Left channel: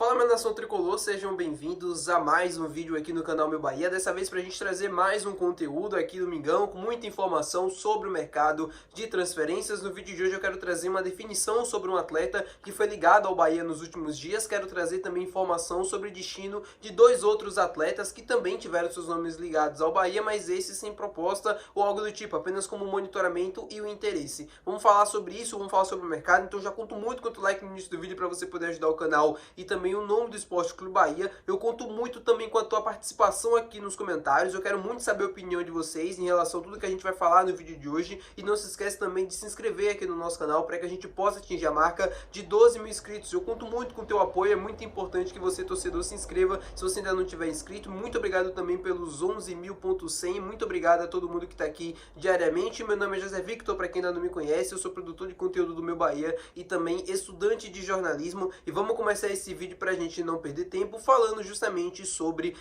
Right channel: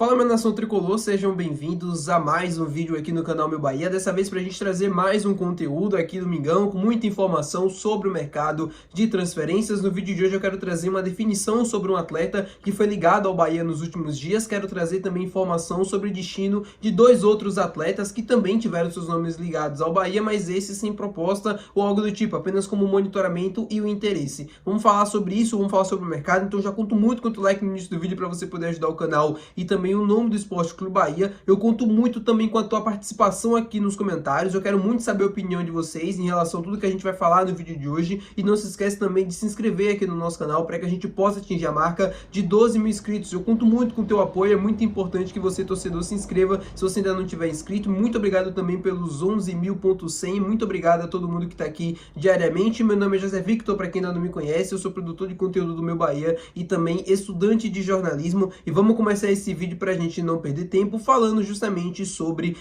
Fala, minha nação tricolor, sejam bem-vindos a mais um vídeo aqui no canal Meu Bahia, dessa vez para a gente trazer mais um conteúdo aqui do Mingão, com muita informação sobre o mercado de transferências. No vídeo de hoje eu quero trazer uma definição sobre um atleta que foi ligado ao Bahia nos últimos dias, quero trazer também informação sobre o destino de dois outros atletas que também tiveram seus nomes ligados ao Bahia, mas esses sem proposta ou algo do tipo, apenas como monitoramento e o interesse. Vamos falar sobre isso, vamos falar sobre o mercado, então já conto muito quanto like no início do vídeo para você poder ajudar o canal e também o nome do Esporte Clube Bahia. Eu conto muito também com a tua participação aqui nos comentários. Eu quero muito saber a opinião de vocês em relação a tudo que a gente vai falar no vídeo de hoje. E não se esquece também de se inscrever aqui no nosso canal para que a gente possa atingir a marca de 12 mil inscritos. Eu conto muito com o teu apoio. É muito importante que você, torcedor, se inscreva se você ainda não tiver inscrito. Muito obrigado também pelos 11.100. Muito obrigado a todo mundo que está aqui diariamente. Meu nome é José Victor, para quem ainda não me conhece. Eu sou produtor de conteúdo do Meu Bahia e também estudante de jornalismo. E vamos começar esse vídeo para a gente não perder tempo, falando justamente sobre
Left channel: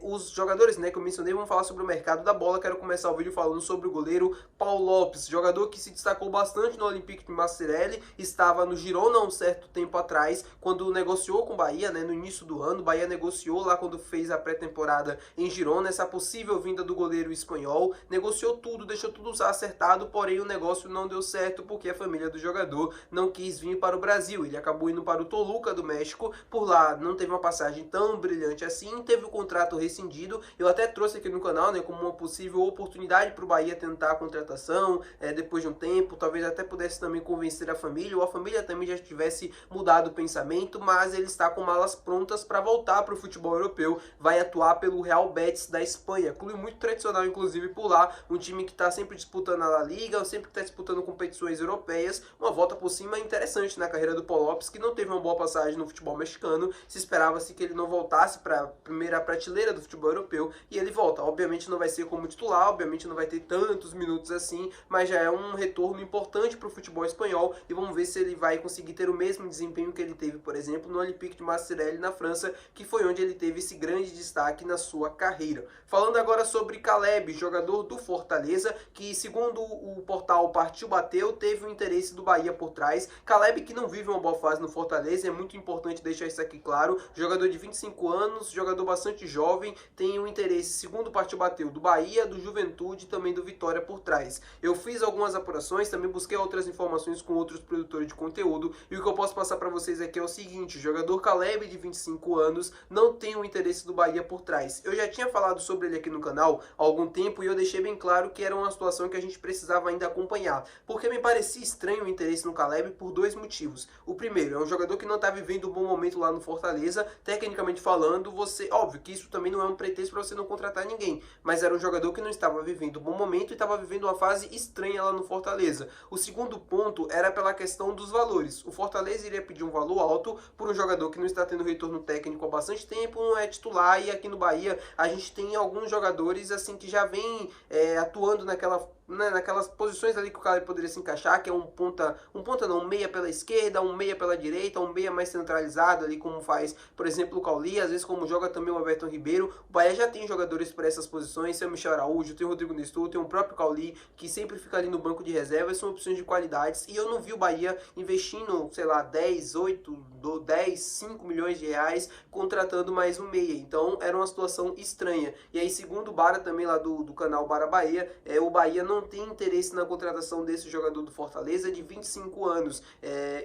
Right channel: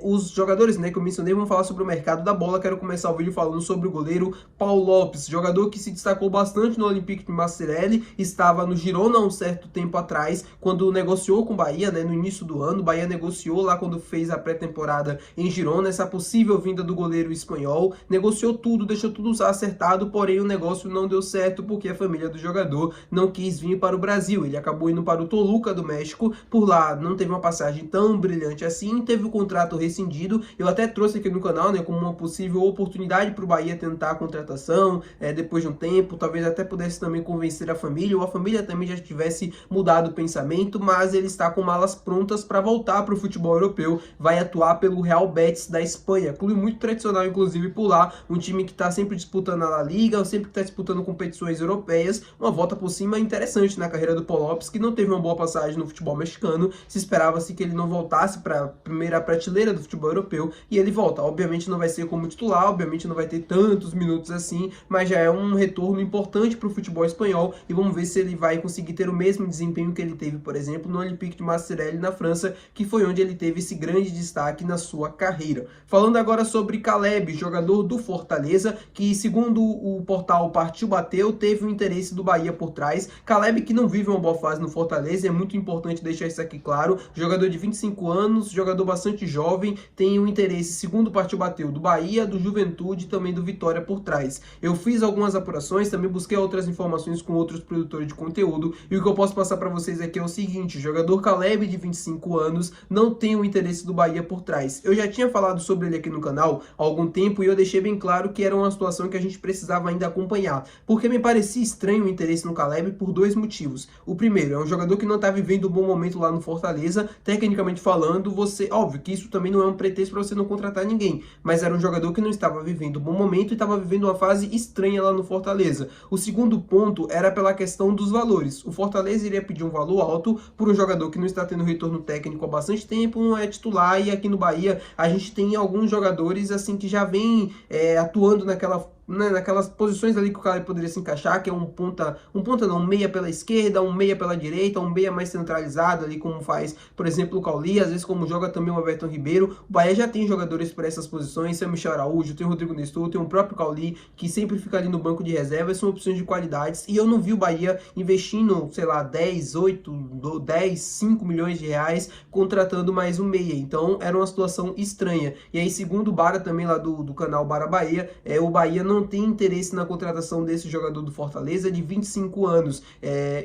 os jogadores, né, que eu mencionei. Vamos falar sobre o mercado da bola. Quero começar o vídeo falando sobre o goleiro Paulo Lopes, jogador que se destacou bastante no Olympique de Marseille, estava no Girona há um certo tempo atrás, quando negociou com o Bahia, né, no início do ano. O Bahia negociou lá quando fez a pré-temporada em Girona, essa possível vinda do goleiro espanhol, negociou tudo, deixou tudo acertado, porém o negócio não deu certo, porque a família do jogador não quis vir para o Brasil. Ele acabou indo para o Toluca do México, por lá não teve uma passagem tão brilhante assim, teve o contrato rescindido. Eu até trouxe aqui no canal, né, como uma possível oportunidade para o Bahia tentar a contratação, depois de um tempo, talvez até pudesse também convencer a família, ou a família também já tivesse mudado o pensamento, mas ele está com malas prontas para voltar para o futebol europeu, vai atuar pelo Real Betis da Espanha, clube muito tradicional inclusive por lá, um time que está sempre disputando a La Liga, sempre está disputando competições europeias. Uma volta por cima interessante na carreira do Paulo Lopes, que não teve uma boa passagem no futebol mexicano. Se esperava-se que ele não voltasse para a primeira prateleira do futebol europeu, e ele volta. Obviamente não vai ser como titular, obviamente não vai ter tantos minutos assim, mas já é um retorno importante para o futebol espanhol, e vamos ver se ele vai conseguir ter o mesmo desempenho que ele teve, por exemplo, no Olympique de Marseille na França, que foi onde ele teve esse grande destaque na sua carreira. Falando agora sobre Caleb, jogador do Fortaleza, que segundo o portal Partiu Bateu, teve o interesse do Bahia por trás. Caleb, que não vive uma boa fase no Fortaleza, é muito importante deixar isso aqui claro. Jogador de 25 anos, jogador bastante jovem, tem um interesse, segundo o Partiu Bateu, do Bahia, do Juventude e também do Vitória por trás. Eu fiz algumas apurações, também busquei outras informações com outros produtores de conteúdo, e o que eu posso passar para vocês aqui é o seguinte: o jogador Caleb, de 25 anos, não tem o interesse do Bahia por trás. Eu já tinha falado sobre ele aqui no canal há algum tempo, e eu deixei bem claro que era uma situação que a gente precisava ainda acompanhar, porque me parecia estranho o interesse no Caleb por dois motivos. O primeiro, é um jogador que não está vivendo um bom momento lá no Fortaleza, tecnicamente falando. Óbvio que isso também não é um pretexto para você não contratar ninguém, mas era um jogador que não estava vivendo um bom momento e estava vivendo uma fase estranha lá no Fortaleza. O segundo ponto era pela questão dos valores. O Fortaleza iria pedir um valor alto por um jogador que não está tendo retorno técnico há bastante tempo, não é titular, e aqui no Bahia a gente tem alguns jogadores assim que já vêm atuando naquelas posições ali que o cara poderia se encaixar, que é um meia pela esquerda, um meia pela direita, um meia mais centralizado ali, como faz, por exemplo, o Cauli, às vezes como joga também o Everton Ribeiro. O Bahia já tem jogadores para essas posições, tem o Michel Araújo, tem o Rodrigo Nestor, tem o próprio Cauli, que sempre fica ali no banco de reservas, são opções de qualidades, e eu não vi o Bahia investindo, sei lá, 5 milhões de reais contratando mais um meia. Então era uma situação estranha. E aí, segundo o Bara também lá do canal Bara Bahia, o Bahia não tem interesse na contratação desse jogador do Fortaleza de 25 anos,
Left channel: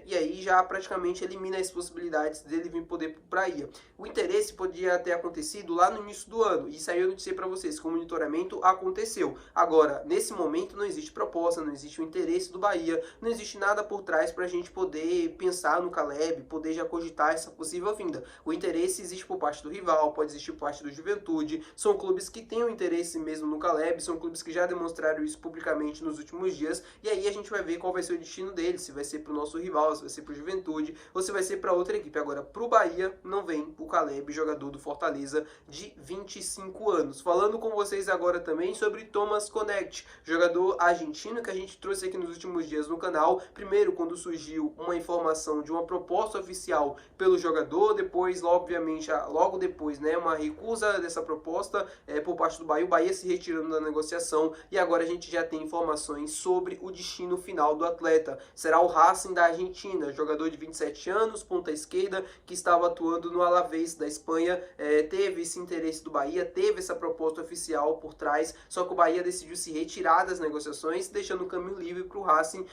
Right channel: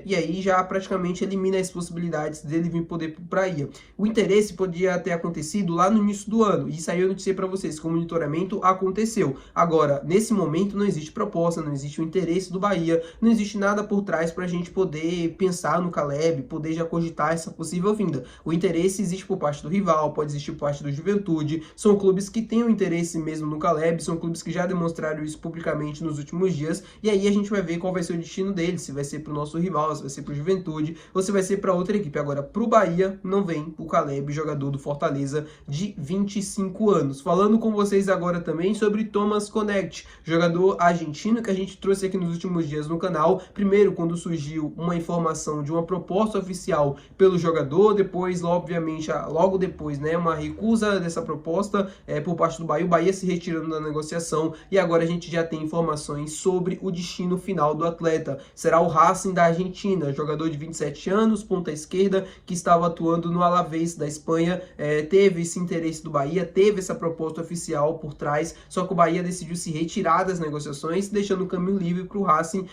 e aí já praticamente elimina as possibilidades dele vir poder para o Bahia. O interesse podia ter acontecido lá no início do ano, e isso aí eu noticiei para vocês que o monitoramento aconteceu. Agora, nesse momento não existe proposta, não existe o interesse do Bahia, não existe nada por trás para a gente poder pensar no Caleb, poder já cogitar essa possível vinda. O interesse existe por parte do rival, pode existir por parte do Juventude, são clubes que têm o interesse mesmo no Caleb, são clubes que já demonstraram isso publicamente nos últimos dias, e aí a gente vai ver qual vai ser o destino dele, se vai ser para o nosso rival, se vai ser para o Juventude, ou se vai ser para outra equipe. Agora, para o Bahia, não vem o Caleb, jogador do Fortaleza de 25 anos. Falando com vocês agora também sobre Thomas Connect, jogador argentino que a gente trouxe aqui nos últimos dias no canal. Primeiro, quando surgiu uma informação de uma proposta oficial pelo jogador, depois, obviamente, logo depois, né, uma recusa dessa proposta por parte do Bahia, o Bahia se retirando da negociação, e agora a gente gente já tem informações sobre o destino final do atleta. Será o Racing da Argentina, jogador de 27 anos, ponta esquerda, que estava atuando no Alavés da Espanha, teve esse interesse do Bahia, teve essa proposta oficial por trás, só que o Bahia decidiu se retirar das negociações, deixando o caminho livre para o Racing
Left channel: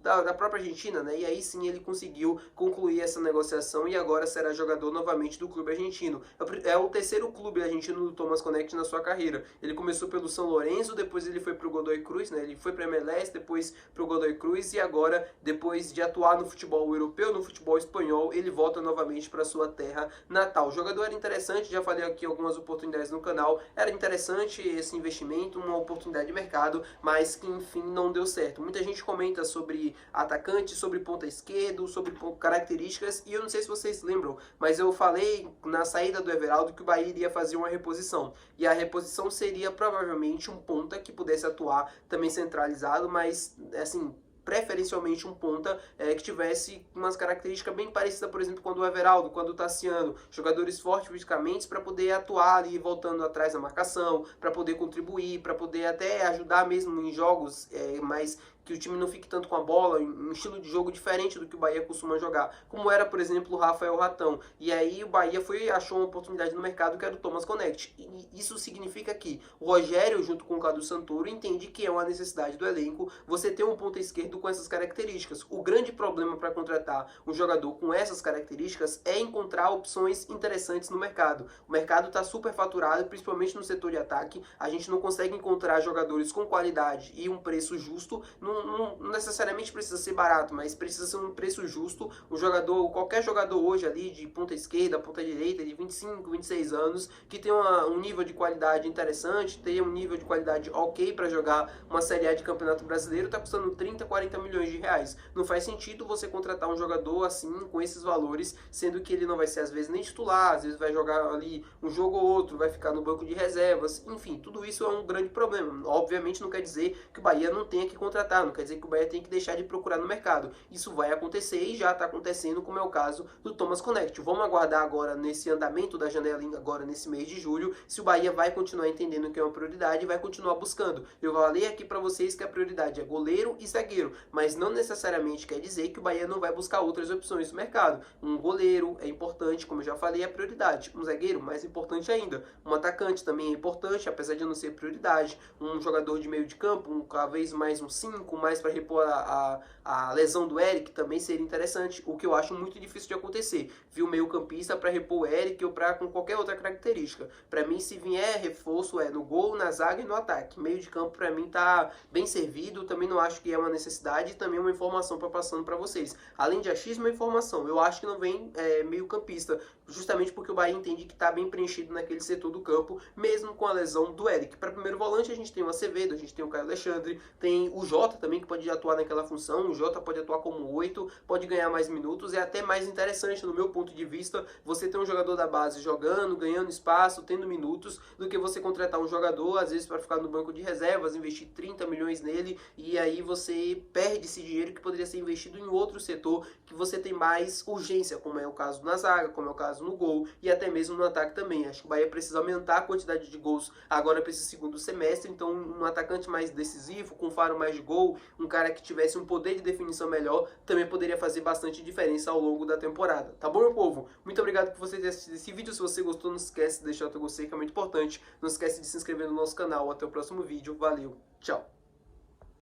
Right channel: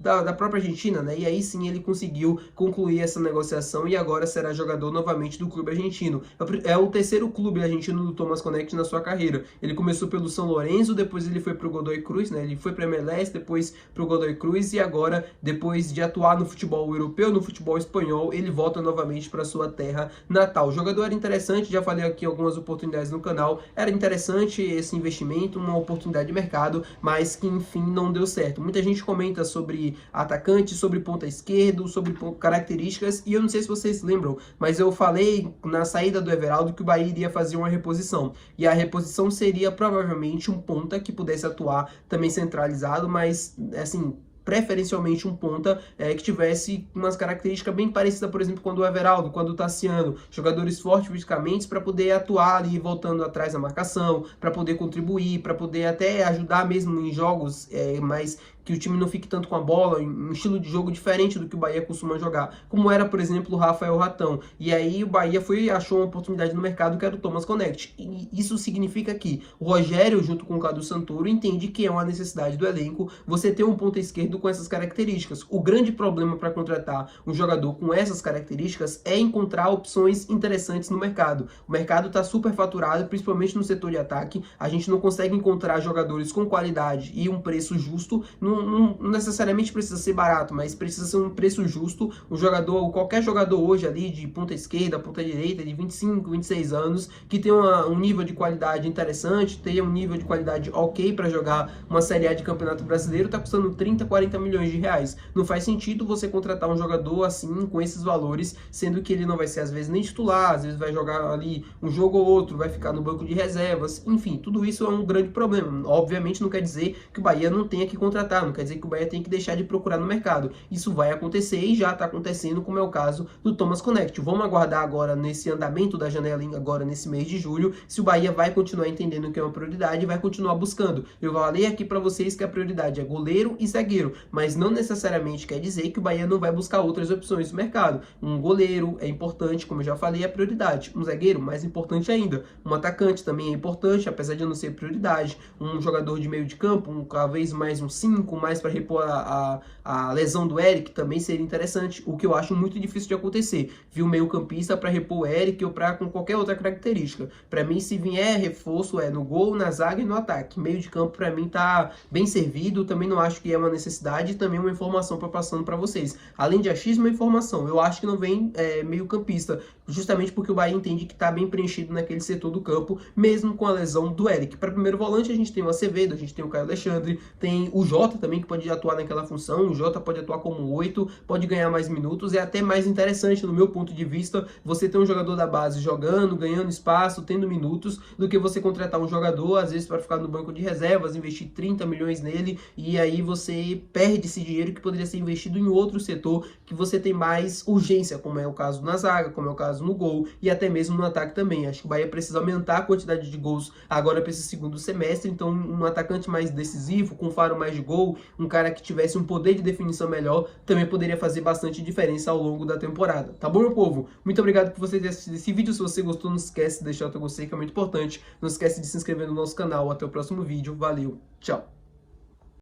da própria Argentina, né? E aí sim ele conseguiu concluir essa negociação e agora será jogador novamente do clube argentino. É o terceiro clube argentino do Thomas Connect na sua carreira. Ele começou pelo São Lourenço, depois ele foi para o Godoy Cruz, né? Ele foi para a MLS, depois para o Godoy Cruz e agora, depois de atuar no futebol europeu, no futebol espanhol, ele volta novamente para sua terra natal. O jogador era interessante, já falei aqui algumas oportunidades no canal, era interessante esse investimento, uma oportunidade de mercado, mas que enfim não deu certo. Muita gente comenta sobre atacante, sobre ponta esquerdo, sobre características, e eu não sei se vocês lembram, mas eu falei na saída do Everaldo que o Bahia iria fazer uma reposição, e a reposição seria provavelmente um ponta que pudesse atuar também centralizado, mas assim, preferencialmente um ponta que tivesse umas características bem parecidas, por exemplo, com o Everaldo, com o Tassiano, jogadores fortes fisicamente para poder atuar ali, voltando atrás da marcação, para poder contribuir, para poder até ajudar mesmo em jogos mais que o time não fique tanto com a bola, um estilo de jogo diferente do que o Bahia costuma jogar, como era, por exemplo, o Rafael Ratão. E aí o Bahia achou uma oportunidade no mercado que era o Thomas Connect. E isso significa que o Rogério, junto com o Cadu Santoro, entende que é uma necessidade do elenco você ter um ponta esquerdo com essas características. O grande problema para contratar um jogador com essas características é encontrar opções interessantes no mercado. O mercado está super faturado, principalmente no setor de ataque. A gente não consegue encontrar jogadores com qualidade e um preço justo. Não necessariamente precisa ser barato, mas precisa ser um preço justo. O jogador, qualquer jogador hoje ali de ponta esquerda, ponta direita, de 25, 26 anos, que tem um nível de qualidade interessante, tenha um nível de qualidade ok para jogar uma Série A de Campeonato Brasileiro, está custando 30, 40 milhões de reais. Não faz sentido você contratar um jogador assim, com esses valores, sendo que ele não vai ser às vezes nem titular, às vezes vai jogar ali um jogo ou outro, vai ficar no banco de reservas, enfim, tudo isso é um grande problema. Obviamente não quer dizer que o Bahia não tenha que contratar, não quer dizer que o Bahia tem que deixar de procurar no mercado. Isso vai acontecer e já está acontecendo, como é o caso do Thomas Connect. Vamos aguardar agora nesse andamento da janela, agora nesse mês de julho, se o Bahia vai continuar entendendo que é uma prioridade e vai continuar buscando. Eu falei aqui para vocês que a prioridade é goleiro e zagueiro, mas não necessariamente quer dizer que o Bahia não vai buscar outras opções no mercado. Um goleiro é importante, como eu já falei, é prioridade. Um zagueiro, mais importante ainda. Um atacante também é importante, apesar de não ser prioridade. Um jogador de meio de campo, talvez mais um 5, mais para repor a lesão do Eric, também seria interessante, o que eu acho muito difícil de acontecer. Viu meio campista para repor o Eric ou para com qualquer outra característica. Para mim, se vier reforço, é no gol, na zaga e no ataque. Meio de campo, para mim, tá bem servido. Também não acho que é uma necessidade e também uma informação para passando para vocês. Além de achismo, uma informação. Eu acho que não vem meio campista, justamente porque o Bahia entende que está bem preenchido naquele setor do campo, mesmo com a lesão do Eric. Para primeiro volante, a gente tem o Acevedo, a gente tem o Caio Alexandre, tem o Jota também, que pode atuar naquela função. O Jota pode atuar como 8, pode ganhar mais minutos. É até mais interessante, no meu ponto de vista, você ter um jogador da base jogando, ganhando espaço, tendo minutos, do que você contratar um jogador, às vezes, para ficar no banco de reservas, investir 30 milhões nele, e aí você perde esse dinheiro que poderia ser investido em outro setor, que você tem mais urgência, como é o caso na zaga, como é o caso no gol, e até mesmo no ataque também. Acho que o Bahia precisa aumentar a quantidade de gols agora para esse segundo semestre, então um atacante mais decisivo, com um faro mais de gol, um cara que tivesse um poder de definição melhor, também poderia fazer bastante diferença ao longo da temporada. Tá bom, meu povo? Muito obrigado por você ter assistido esse vídeo. Se você gostou, não esquece de deixar o teu gostei, que é muito importante. Não esquece de se inscrever no nosso canal. Até o próximo vídeo. Valeu, tchau!